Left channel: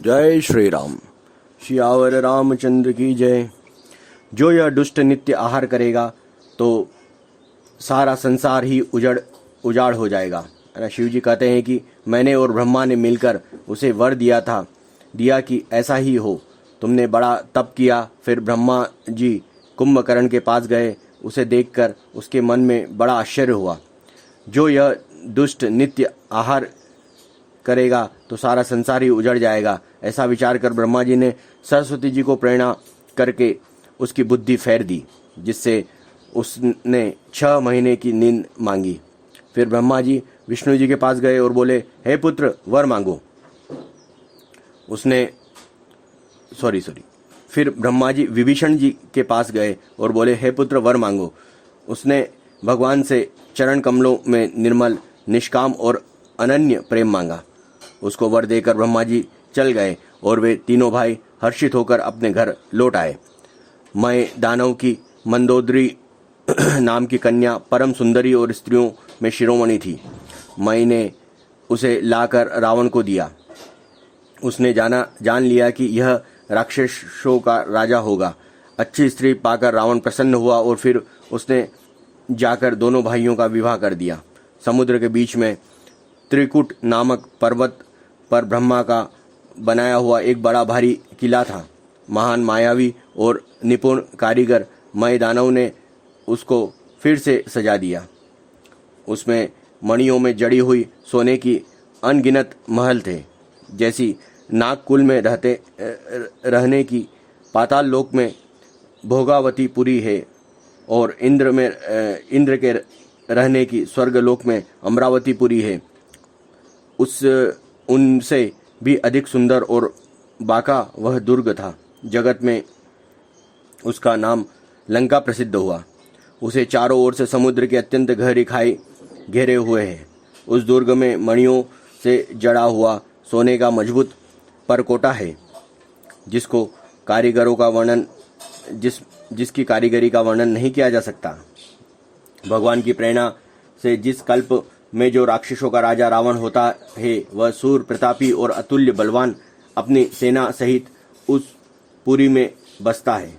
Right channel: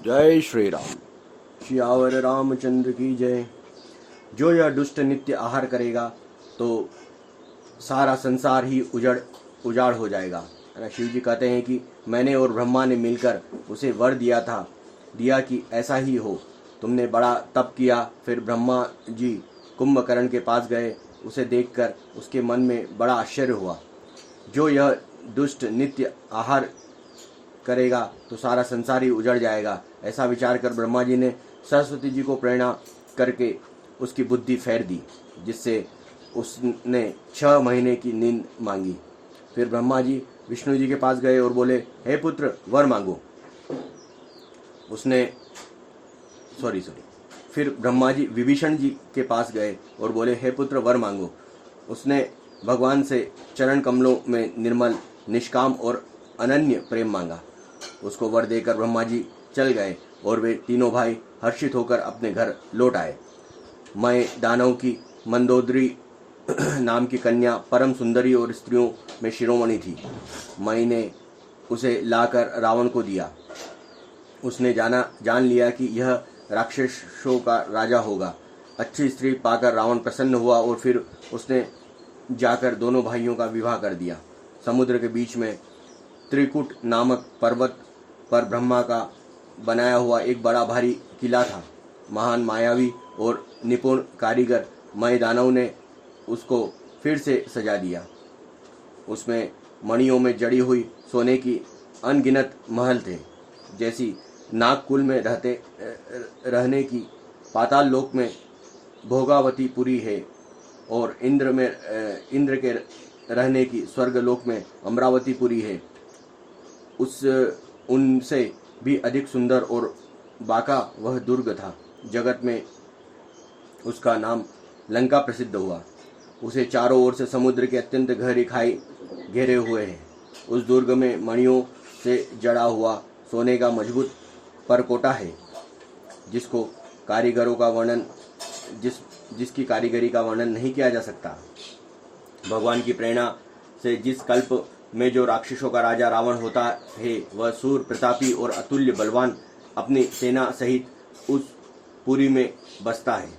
जय श्री राम। सियावर रामचंद्र की जय। जो यह दुष्ट नित्य आहार करेगा तो सारा संसार ही उजाड़ हो जाएगा। शिव जी कहते हैं कि मैंने और ब्रह्मा ने मिलकर उसे वर दिया कि ऐसा ही हो। तुमने बड़ा तप किया। फिर ब्रह्मा जी कुंभकर्ण के पास गए। उसे देखकर उसके मन में बड़ा आश्चर्य हुआ। जो यह दुष्ट नित्य आहार करेगा तो सारा संसार ही उजड़ जाएगा। ऐसा विचार कर ब्रह्मा जी ने सरस्वती जी को प्रेरणा करके उसकी बुद्धि फेर दी, जिससे उसने 6 महीने की नींद मांगी। फिर ब्रह्मा जी विष्णु जी के पास गए और बोले, हे पुत्र वर मांगो। फिर ब्रह्मा जी विभीषण जी के पास गए और बोले, हे पुत्र वर मांगो। उसने भगवान से चरण कमलों में निर्मल, निष्काम और अनन्य प्रेम मांगा। उसको वर देकर ब्रह्मा जी चल गए और वे तीनों भाई हर्षित होकर अपने घर लौट आए। मैं दानव की मंदोदरी नाम की कन्या परम सुंदरी और स्त्रियों में शिरोमणि थी। मैंने उसे लाकर रावण को दिया। उसने जान लिया कि यह राक्षसों का राजा होगा। अच्छी स्त्री पाकर रावण प्रसन्न हुआ और फिर उसने जाकर दोनों भाइयों का विवाह कर दिया। समुद्र के बीच में त्रिकुट नामक पर्वत पर ब्रह्मा का बनाया हुआ एक बड़ा भारी किला था। महान मायावी और निपुण कारीगर मय दानव ने उसको फिर से सजा दिया। उसमें मणियों में जड़ी हुई सोने की अनगिनत महल थे। जैसी नागकुल में रहने की पाताल लोक में भोगावतीपुरी है और इंद्र के रहने की स्वर्गलोक में अमरावतीपुरी है, उनसे भी अधिक सुंदर और बाका वह दुर्ग था। जगत में उसका नाम लंका प्रसिद्ध हुआ। उसे चारों ओर से समुद्र के अत्यंत गहरी खाई घेरे हुए है। उस दुर्ग में मणियों से जड़ा हुआ सोने का मजबूत परकोटा है, जिसकी कारीगरी का वर्णन नहीं किया जा सकता। भगवान की प्रेरणा से जिस कल्प में जो राक्षसों का राजा रावण होता है, वह सूर प्रतापी और अतुल्य बलवान अपनी सेना सहित उस पुरी में बसता है।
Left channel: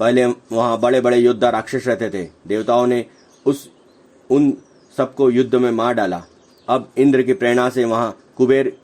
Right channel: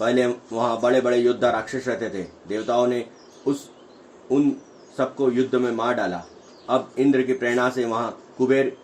पहले वहाँ बड़े बड़े योद्धा राक्षस रहते थे। देवताओं ने उन सबको युद्ध में मार डाला। अब इंद्र की प्रेरणा से वहाँ कुबेर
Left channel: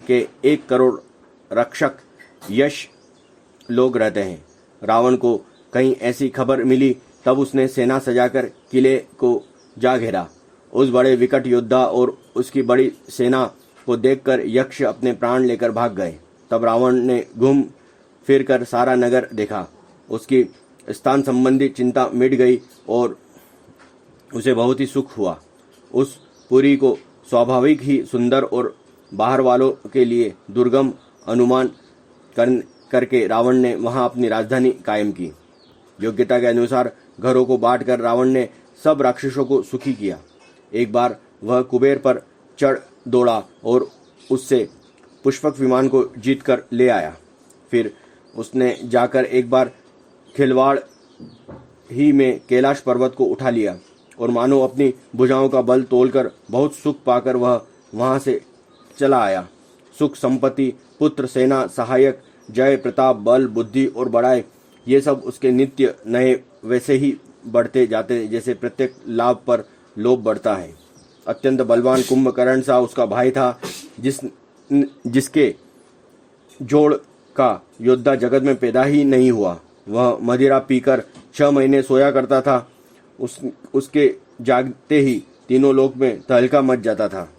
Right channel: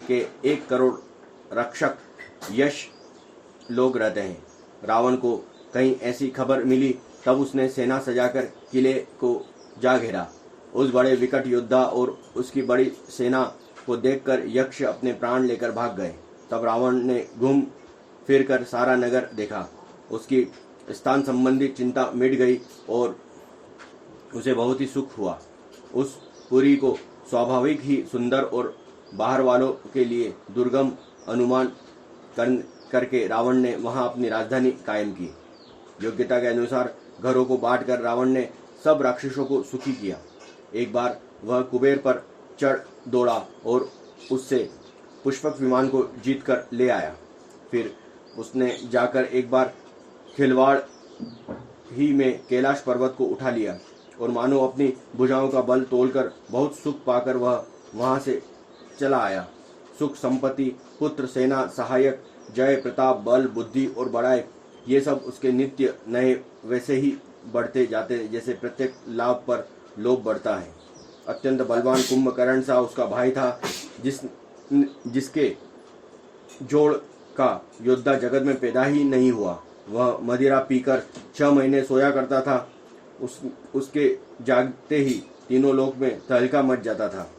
के 1 करोड़ रक्षक यश लोग रहते हैं। रावण को कहीं ऐसी खबर मिली, तब उसने सेना सजाकर किले को जा घेरा। उस बड़े विकट योद्धा और उसकी बड़ी सेना को देखकर यक्ष अपने प्राण लेकर भाग गए। तब रावण ने घूम फिर कर सारा नगर देखा। उसकी स्थान संबंधी चिंता मिट गई और उसे बहुत ही सुख हुआ। उस पुरी को स्वाभाविक ही सुंदर और बाहर वालों के लिए दुर्गम अनुमान करके रावण ने वहां अपनी राजधानी कायम की। योग्यता के अनुसार घरों को बांटकर रावण ने सब राक्षसों को सुखी किया। एक बार वह कुबेर पर चढ़ दौड़ा और उससे पुष्पक विमान को जीतकर ले आया। फिर उसने जाकर एक बार खिलवाड़ ही में कैलाश पर्वत को उठा लिया और मानो अपनी भुजाओं का बल तोलकर बहुत सुख पाकर वह वहां से चला आया। सुख, संपत्ति, पुत्र, सेना, सहायक, जय, प्रताप, बल, बुद्धि और बड़ाई, ये सब उसके नित्य नए वैसे ही बढ़ते जाते जैसे प्रत्येक लाभ पर लोभ बढ़ता है। अत्यंत बलवान कुंभकर्ण सा उसका भाई था, जिसके जोड़ का योद्धा जगत में पैदा ही नहीं हुआ। वह मदिरा पीकर 6 महीने सोया करता था। उसके जागते ही तीनों लोक में तहलका मच जाता था।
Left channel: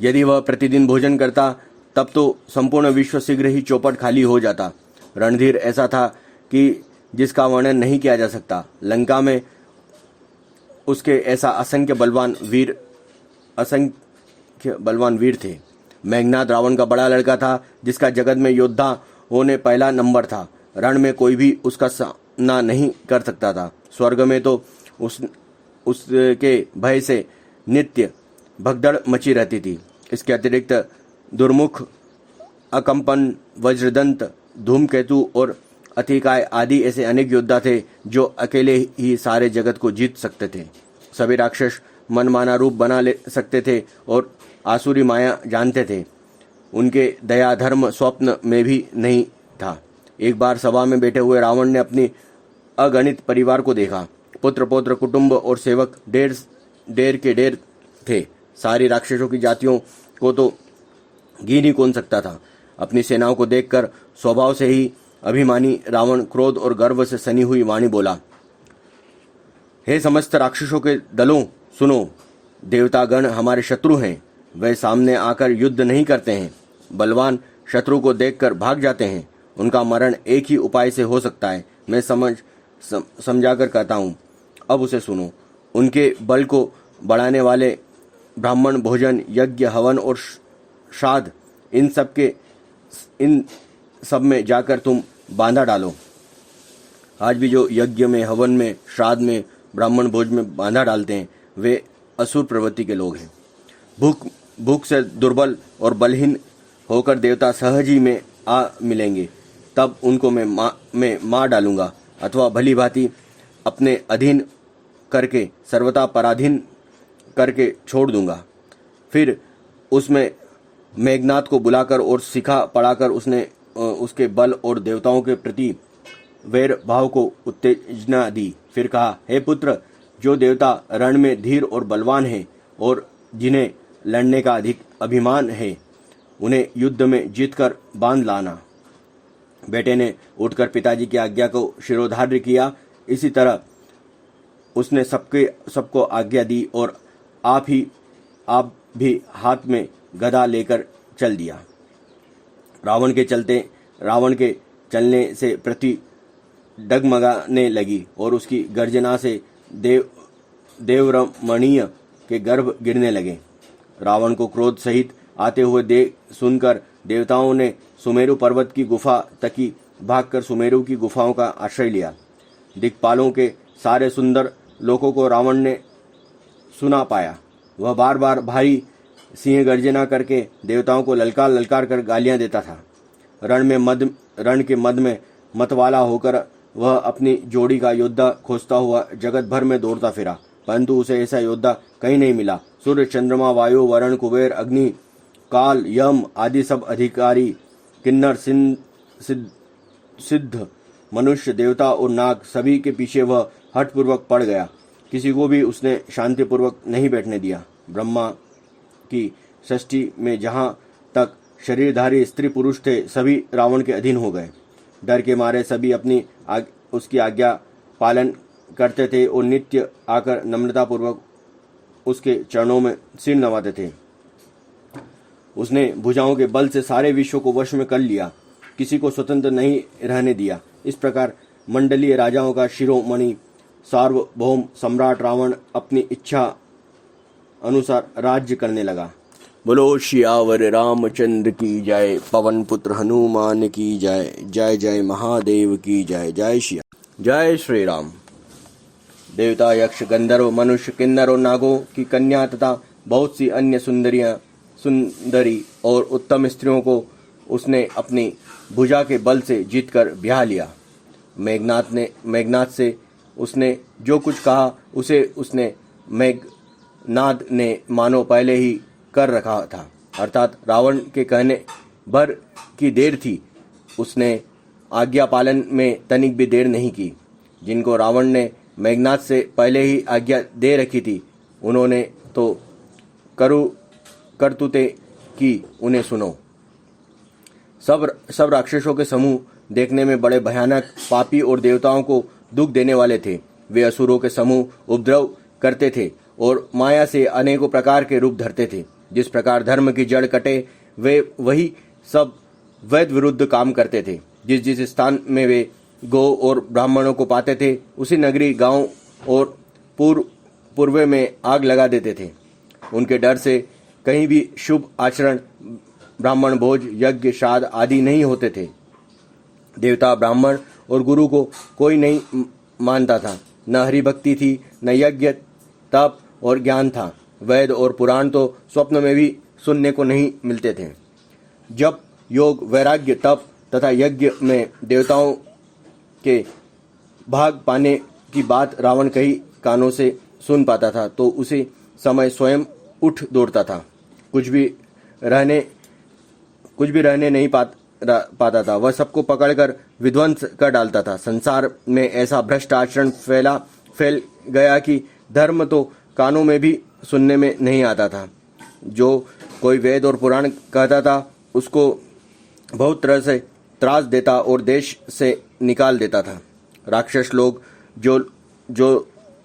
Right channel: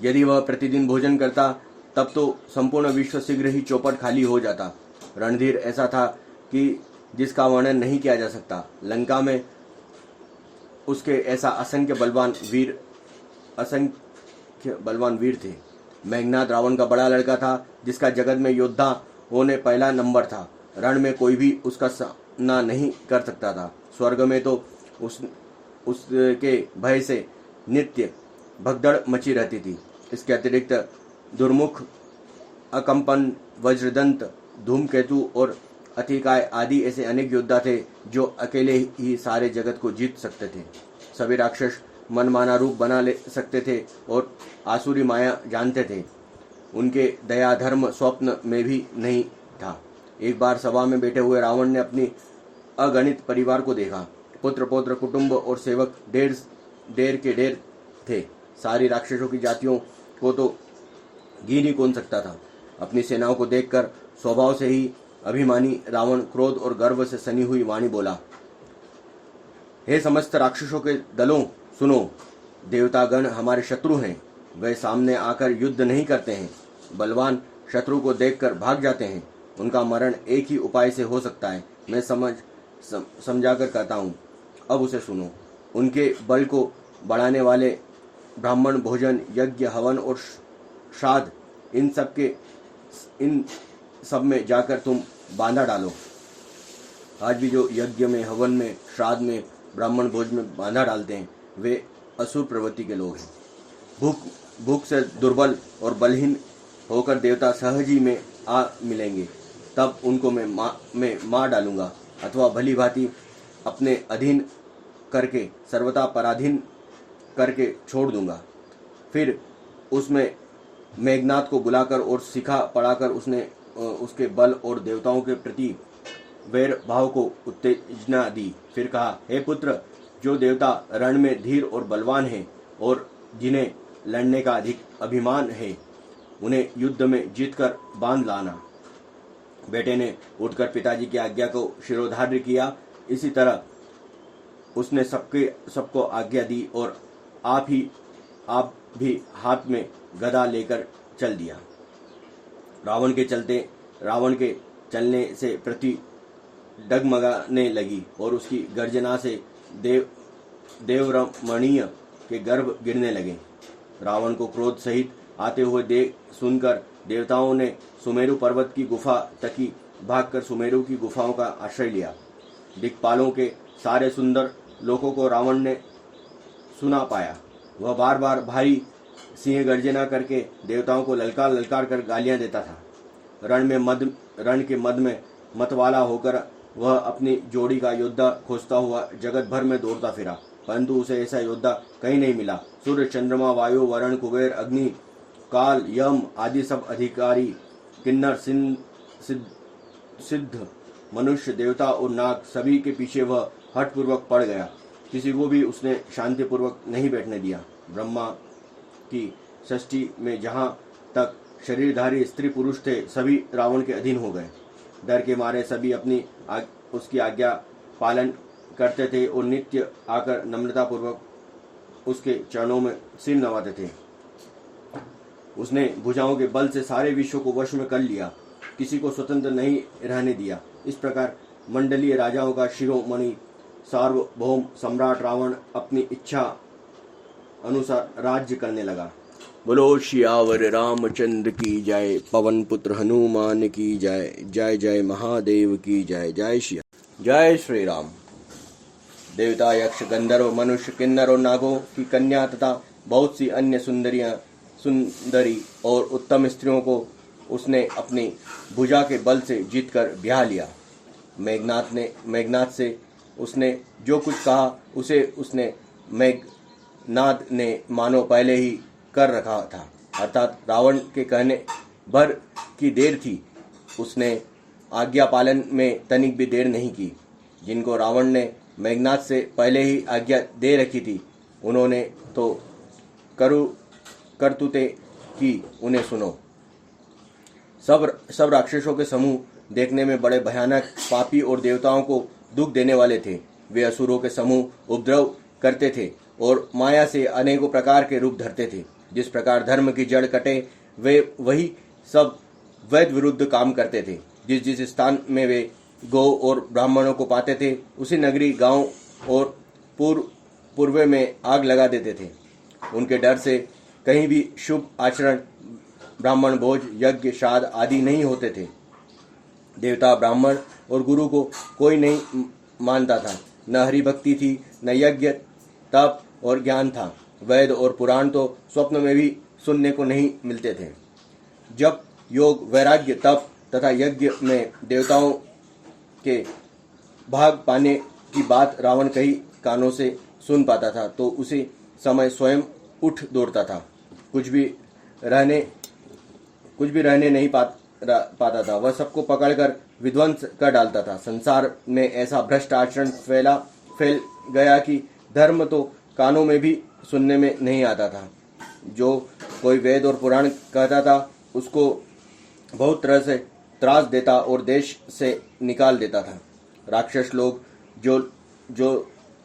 यदि वह प्रतिदिन भोजन करता तब तो संपूर्ण विश्व शीघ्र ही चौपट खाली हो जाता। रणधीर ऐसा था कि जिसका वर्णन नहीं किया जा सकता। लंका में उसके ऐसा असंख्य बलवान वीर थे। मेघनाद रावण का बड़ा लड़का था, जिसका जगत में योद्धा होने पहला नंबर था। रण में कोई भी उसका सामना नहीं कर सकता था। स्वर्ग में तो उसके भय से नित्य भगदड़ मची रहती थी। इसके अतिरिक्त दुर्मुख, अकंपन, वज्रदंत, धूमकेतु और अतिकाय आदि ऐसे अनेक योद्धा थे जो अकेले ही सारे जगत को जीत सकते थे। सभी राक्षस मनमाना रूप बना ले सकते थे और आसुरी माया जानते थे। उनके दया धर्म स्वप्न में भी नहीं था। एक बार सभा में बैठे हुए रावण ने अपनी अगणित परिवार को देखा। पुत्र पौत्र कुटुंब और सेवक ढेर के ढेर थे। सारी राक्षसों की जातियों को तो गिन ही कौन सकता था। अपनी सेनाओं को देखकर स्वभाव से ही अभिमानी रावण क्रोध और गर्व से सनी हुई वाणी बोला, हे समस्त राक्षसों के दलों, सुनो, देवतागण हमारे शत्रु हैं। वे सामने आकर युद्ध नहीं करते हैं, बलवान शत्रु को देखकर भाग जाते हैं। उनका मरण एक ही उपाय से हो सकता है। मैं समझाकर कहता हूँ, अब उसे सुनो। उनके बल को बढ़ाने वाले ब्राह्मण भोजन, यज्ञ, हवन और श्राद्ध, इन सब में जाकर तुम बांधा डालो। आज भी जो यज्ञ में, हवन में, श्राद्ध में, ब्राह्मण भोज में बांधा डालते हैं, वे असुर प्रवृत्ति के लोग हैं। भूख से दुर्बल और बलहीन होकर देवता सहज ही में आ मिलेंगे, तब उनको मैं मार डालूंगा, अथवा भली भांति अपने अधीन करके सर्वथा पराधीन करके छोड़ दूंगा। फिर उसमें मेघनाथ को बुलाकर और सिखा पढ़ाकर उसके बल और देवताओं के प्रति वैर भाव को उत्तेजना दी। फिर कहा, हे पुत्र, जो देवता रण में धीर और बलवान हैं और जिन्हें लड़ने का अधिक अभिमान है, उन्हें युद्ध में जीतकर बांध लाना। बेटे ने उठकर पिताजी की आज्ञा को शिरोधार्य किया। इसी तरह उसने सबको आज्ञा दी और आप भी हाथ में गदा लेकर चल दिया। रावण के चलने से पृथ्वी डगमगाने लगी और उसकी गर्जना से देवरमणीय के गर्भ गिरने लगे। रावण को क्रोध सहित आते हुए सुनकर देवताओं ने सुमेरु पर्वत की गुफा तकी भागकर सुमेरु की गुफाओं का आश्रय लिया। दिक्पालों के सारे सुंदर लोगों को रावण ने सुना पाया। वह बार बार भारी सिंह गर्जना करके देवताओं को ललकार कर गालियां देता था। रण के मद में मतवाला होकर वह अपनी जोड़ी का योद्धा खोजता हुआ जगत भर में दौड़ता फिरा, परंतु उसे ऐसा योद्धा कहीं नहीं मिला। सूर्य, चंद्रमा, वायु, वरुण, कुबेर, अग्नि, काल, यम आदि सब अधिकारी, किन्नर, सिद्ध, मनुष्य, देवता और नाग, सभी के पीछे वह हठपूर्वक पड़ गया। किसी को भी उसने शांतिपूर्वक नहीं बैठने दिया। ब्रह्मा की सृष्टि में जहाँ तक शरीरधारी स्त्री पुरुष थे, सभी रावण के अधीन हो गए। डर के मारे सभी उसकी आज्ञा पालन करते थे और नित्य आकर नम्रतापूर्वक उसके चरणों में सिर नवाते थे। उसने भुजाओं के बल से सारे विश्व को वश में कर लिया, किसी को स्वतंत्र नहीं रहने दिया। इस प्रकार मंडलीय राजाओं का शिरोमणि सार्वभौम सम्राट रावण अपनी इच्छा अनुसार राज्य करने लगा। बोलो श्यावर रामचंद्र की जय, पवन पुत्र हनुमान की जय, जय जय महादेव की जय, जय श्री जय श्री राम। देवता, यक्ष, गंधर्व, मनुष्य, किन्नर और नागों की कन्या तथा बहुत सी अन्य सुंदरी और उत्तम स्त्रियों को उसने अपनी भुजा के बल से जीतकर ब्याह लिया। मेघनाथ से उसने जो कुछ कहा उसे उसने मेघनाद ने मानो पहले ही कर रखा था, अर्थात रावण के कहने भर की देर थी। उसने आज्ञा पालन में तनिक भी देर नहीं की। जिनको रावण ने मेघनाद से पहले ही आज्ञा दे रखी थी, उन्होंने तो करतूते की, उन्हें सुनो। सब राक्षसों के समूह देखने में बड़े भयानक, पापी और देवताओं को दुख देने वाले थे। वे असुरों के समूह उपद्रव करते थे और माया से अनेकों प्रकार के रूप धरते थे। जिस प्रकार धर्म की जड़ कटे, वे वही सब वैद विरुद्ध काम करते थे। जिस स्थान में वे गौ और ब्राह्मणों को पाते थे, उसी नगरी, गांव और पूर्व में आग लगा देते थे। उनके डर से कहीं भी शुभ आचरण, ब्राह्मण भोज, यज्ञ, श्राद्ध आदि नहीं होते थे। देवता, ब्राह्मण और गुरु को कोई नहीं मानता था। न हरिभक्ति थी, न यज्ञ, तप और ज्ञान था। वेद और पुराण तो स्वप्न में भी सुनने को नहीं मिलते थे। जब योग, वैराग्य, तप तथा यज्ञ में देवताओं के भाग पाने की बात रावण कई कानों से सुन पाता था, तो उसे समय स्वयं उठ दौड़ता था, कुछ भी रहने नहीं पाता था। वह सबको पकड़कर विध्वंस कर डालता था। संसार में ऐसा भ्रष्ट आचरण फैल गया कि धर्म तो कानों में भी सुनने में नहीं आता था। जो कोई वेद और पुराण कहता था उसको बहुत तरह से त्रास देता और देश से निकाल देता था। राक्षस लोग जो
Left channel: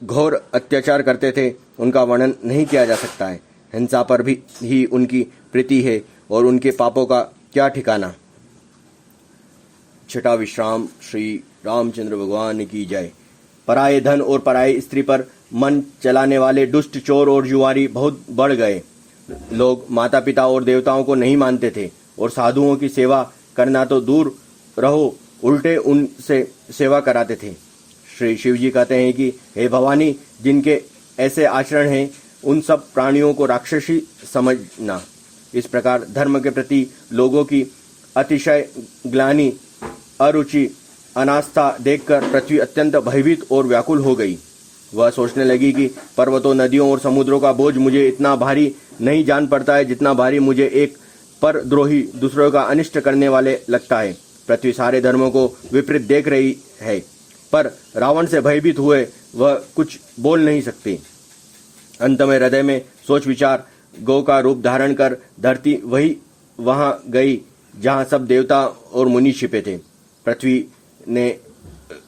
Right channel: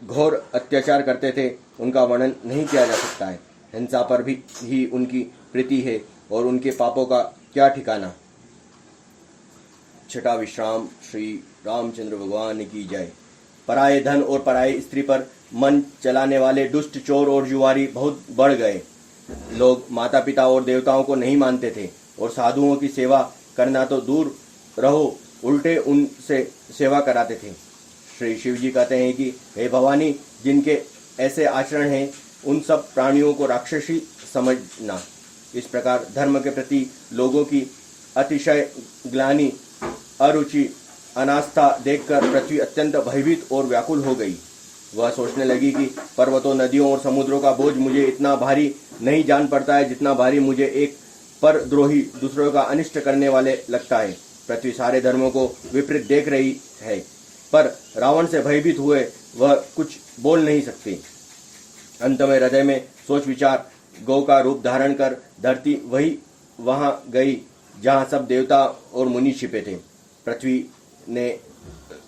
घोर अत्याचार करते थे उनका वर्णन नहीं किया जा सकता है। हिंसा पर भी ही उनकी प्रीति है और उनके पापों का क्या ठिकाना। छठा विश्राम। श्री रामचंद्र भगवान की जय। पराये धन और पराये स्त्री पर मन चलाने वाले दुष्ट चोर और जुआरी बहुत बढ़ गए। लोग माता पिता और देवताओं को नहीं मानते थे और साधुओं की सेवा करना तो दूर रहो, उल्टे उनसे सेवा कराते थे। श्री शिव जी कहते हैं कि हे भवानी, जिनके ऐसे आचरण हैं उन सब प्राणियों को राक्षसी समझना। इस प्रकार धर्म के प्रति लोगों की अतिशय ग्लानि, अरुचि, अनास्था देखकर पृथ्वी अत्यंत भयभीत और व्याकुल हो गई। वह सोचने लगी कि पर्वतों, नदियों और समुद्रों का बोझ मुझे इतना भारी नहीं जान पड़ता है जितना भारी मुझे एक परद्रोही दूसरों का अनिष्ट करने वाले लगता है। पृथ्वी सारे धर्मों को विपरीत देख रही है, पर रावण से भयभीत हुए वह कुछ बोल नहीं सकती। अंत में हृदय में सोच विचार गौ का रूप धारण कर धरती वहां गई जहां सब देवता और मुनि छिपे थे। पृथ्वी ने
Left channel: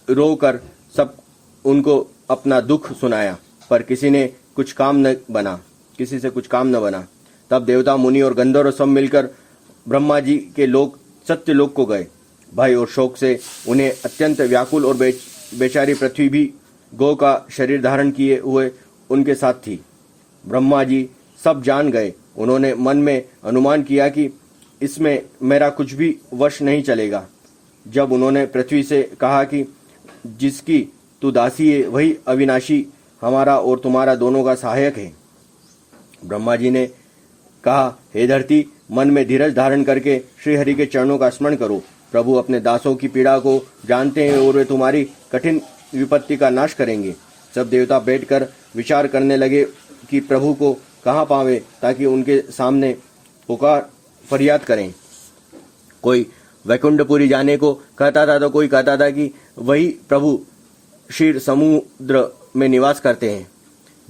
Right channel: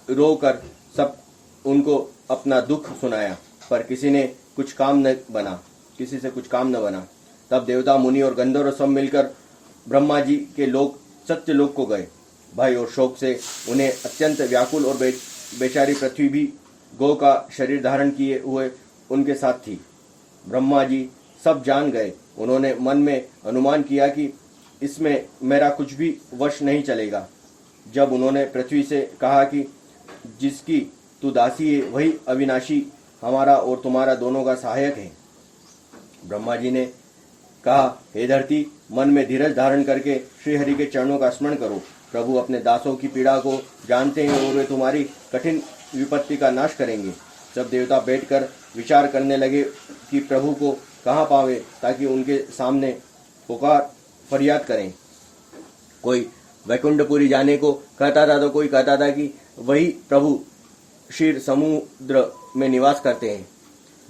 रोकर सब उनको अपना दुख सुनाया, पर किसी से कुछ काम न बना। तब देवता, मुनि और गंधर्व सब मिलकर ब्रह्मा जी के लोक सत्यलोक को गए। भय और शोक से उन्हें अत्यंत व्याकुल और बेचारी पृथ्वी भी गौ का शरीर धारण किए हुए उनके साथ थी। ब्रह्मा जी सब जान गए। उन्होंने मन में अनुमान किया कि इसमें मेरा कुछ भी वश नहीं चलेगा। जब उन्होंने पृथ्वी से कहा कि जिसकी तू दासी है वही अविनाशी हमारा और तुम्हारा दोनों का सहायक है। ब्रह्मा जी ने कहा, हे धरती, मन में धीरज धारण करके श्री हरि के चरणों का स्मरण करो। प्रभु अपने दासों की पीड़ा को जानते हैं और वे तुम्हारी कठिन विपत्ति का नाश करेंगे। सब देवता बैठकर विचार करने लगे कि प्रभु को कहाँ पावे ताकि उनके सामने पुकार फरियाद करें। कोई वैकुंठपुरी जाने को कहता था तो कोई कहता था कि वही प्रभु क्षीर समुद्र में निवास करते हैं।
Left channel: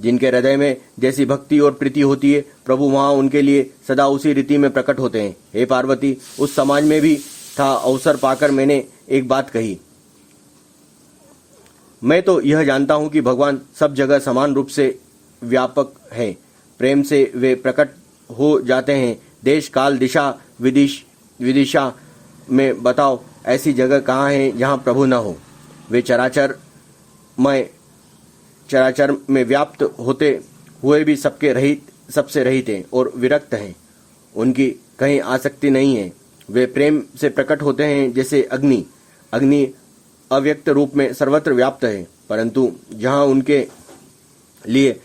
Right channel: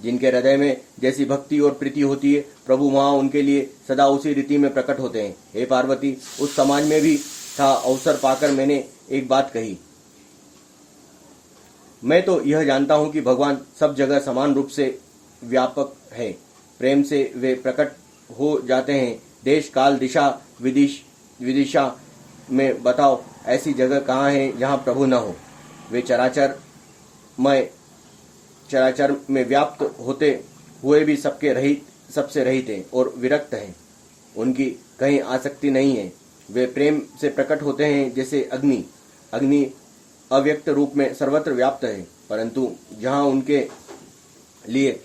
जिनके हृदय में जैसी भक्ति और प्रीति होती है, प्रभु वहाँ उनके लिए सदा उसी रीति में प्रकट होते हैं। हे पार्वती, उस समाज में भी था अवसर पाकर मैंने एक बात कही। मैं तो यह जानता हूँ कि भगवान सब जगह समान रूप से व्यापक है। प्रेम से वे प्रकट हो जाते हैं। देश, काल, दिशा, विदिशा में बताओ ऐसी जगह कहाँ है जहाँ प्रभु न हो। वे चराचर में व्याप्त होते हुए भी सबसे रहित हैं और विरक्त हैं। उनकी कहीं आसक्ति नहीं है। वे प्रेम से प्रकट होते हैं जैसे अग्नि अव्यक्त रूप में सर्वत्र व्याप्त है, परंतु जहाँ उनके लिए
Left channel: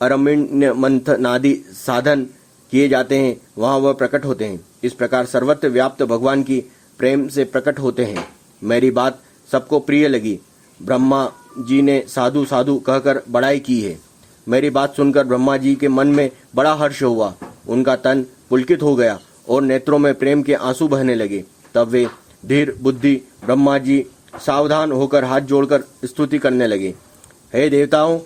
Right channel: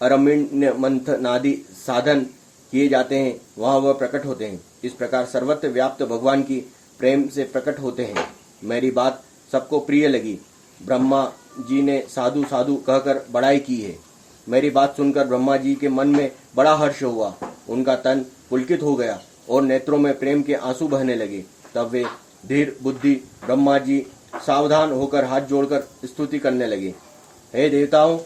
अरण्य मंथनादि साधन किए जाते हैं वहाँ वह प्रकट होते हैं। इस प्रकार सर्वत्र व्याप्त भगवान की प्रेम से प्रकट होते हैं। मेरी बात सबको प्रिय लगी। ब्रह्मा जी ने साधु साधु कहकर बड़ाई की है। मेरी बात सुनकर ब्रह्मा जी के मन में बड़ा हर्ष हुआ। उनका तन पुलकित हो गया और नेत्रों में प्रेम के आंसू बहने लगे। तब वे धीर बुद्धि ब्रह्मा जी सावधान होकर हाथ जोड़कर स्तुति करने लगे। हे देवताओं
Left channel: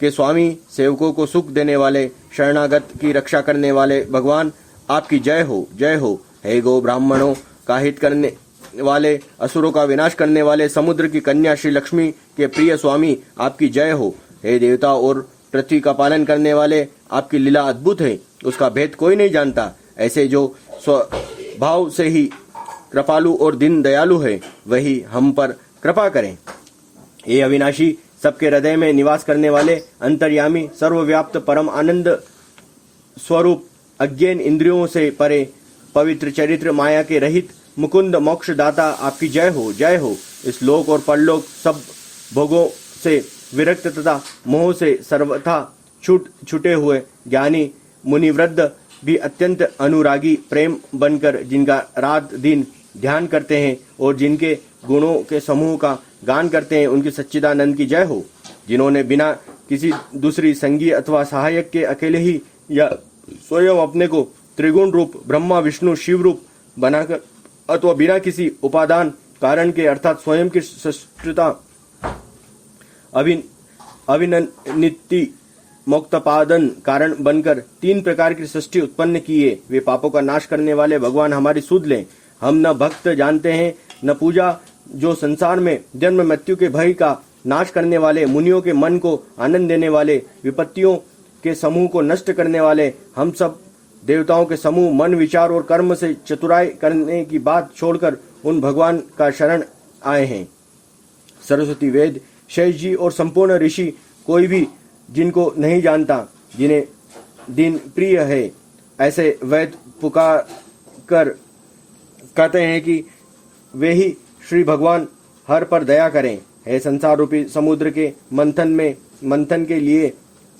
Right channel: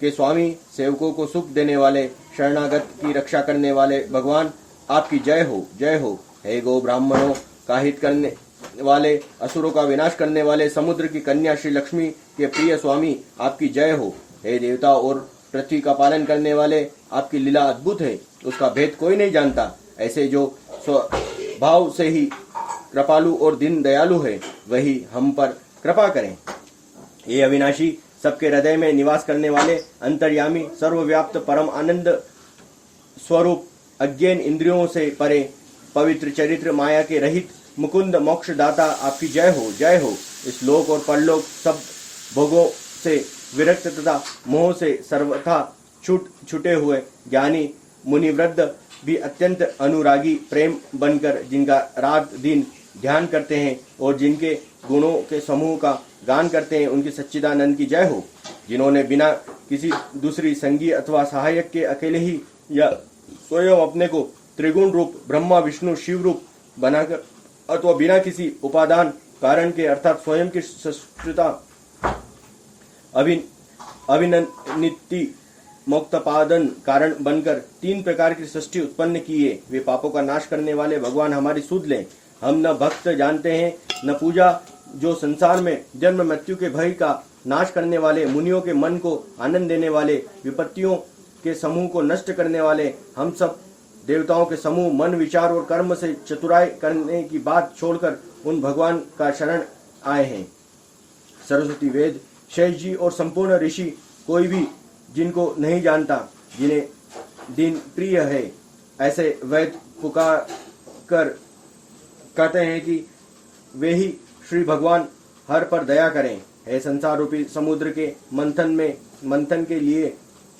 के स्वामी, सेवकों को सुख देने वाले, शरणागत की रक्षा करने वाले भगवान, आपकी जय हो, जय हो। हे गो ब्राह्मणों का हित करने वाले, असुरों का विनाश करने वाले, समुद्र की कन्या श्री लक्ष्मी के प्रिय स्वामी, आपकी जय हो। हे देवता और पृथ्वी का पालन करने वाले, आपकी लीला अद्भुत है, उसका भेद कोई नहीं जानता। ऐसे जो स्वभाव से ही कृपालु और दीन दयालु है, वही हम पर कृपा करें। हे अविनाशी, सबके हृदय में निवास करने वाले, अंतर्यामी, सर्वव्याप्त, परम आनंद स्वरूप, अज्ञान इंद्रियों से परे, पवित्र चरित्र, माया के रहित, मुकुंद मोक्षदाता, आपकी जय हो, जय हो। इस लोक और परलोक सब भोगों से विरक्त तथा मोह से सर्वथा छूटे हुए ज्ञानी मुनिवृद्ध भी अत्यंत अनुरागी प्रेम बनकर जिनका रात दिन ध्यान करते हैं और जिनके गुणों के समूह का गान करते हैं, उनकी सच्चिदानंद की जय हो। जिन्होंने बिना किसी दूसरी संगी अथवा सहायक के अकेले ही या स्वयं अपने को त्रिगुण रूप ब्रह्मा विष्णु शिव रूप बनाकर अथवा बिना किसी उपादान कारण के अर्थात स्वयं की सृष्टता अभिनिति मोक्तपादन कारण बनकर 3 प्रकार की सृष्टि उत्पन्न किए। वे पापों का नाश करने वाले भगवान हमारी सुध लें। हम न भक्त जानते हैं न पूजा, जो संसार में जन्म मृत्यु के भय का नाश करने वाले, मुनियों के मन को आनंद देने वाले, विपत्तियों के समूह को नष्ट करने वाले, हम सब देवताओं के समूह मन विचार और कर्म से चतुराई करने की बात छोड़कर उन भगवान का शरण आए हैं। सरस्वती, वेद, शेष जी और संपूर्ण ऋषि कोई भी जिनको नहीं जानता, जिन्हें दिन प्रिय है, ऐसे वेद पुकार कर कहते हैं कि वे ही श्री भगवान हर पर दया करें। हे संसार रूपी समुद्र के मंथन के लिए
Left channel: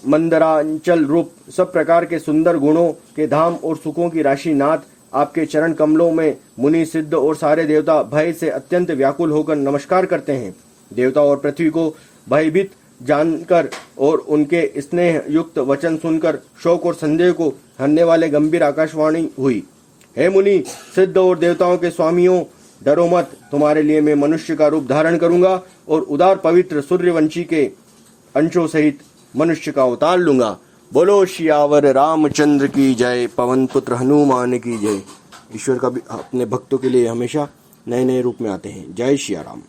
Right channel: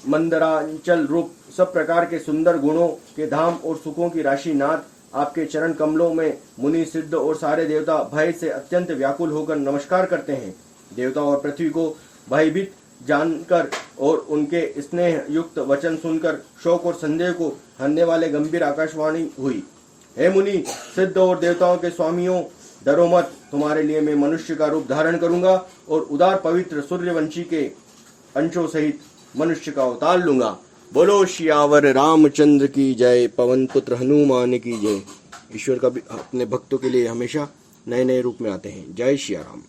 मंदरांचल रूप सब प्रकार के सुंदर गुणों के धाम और सुखों की राशि नाथ, आपके चरण कमलों में मुनि सिद्ध और सारे देवता भय से अत्यंत व्याकुल होकर नमस्कार करते हैं। देवता और पृथ्वी को भयभीत जानकर और उनके स्नेह युक्त वचन सुनकर शोक और संदेह को हरने वाले गंभीर आकाशवाणी हुई। हे मुनि सिद्ध और देवताओं के स्वामियों, डरो मत, तुम्हारे लिए मैं मनुष्य का रूप धारण करूंगा और उदार पवित्र सूर्यवंशी के अंशों सहित मनुष्य का अवतार लूंगा। बोलो श्यावर रामचंद्र की जय, पवन पुत्र हनुमान की जय। ईश्वर का भी अपने भक्तों के लिए हमेशा नए नए रूप में आते हैं। जय श्री राम।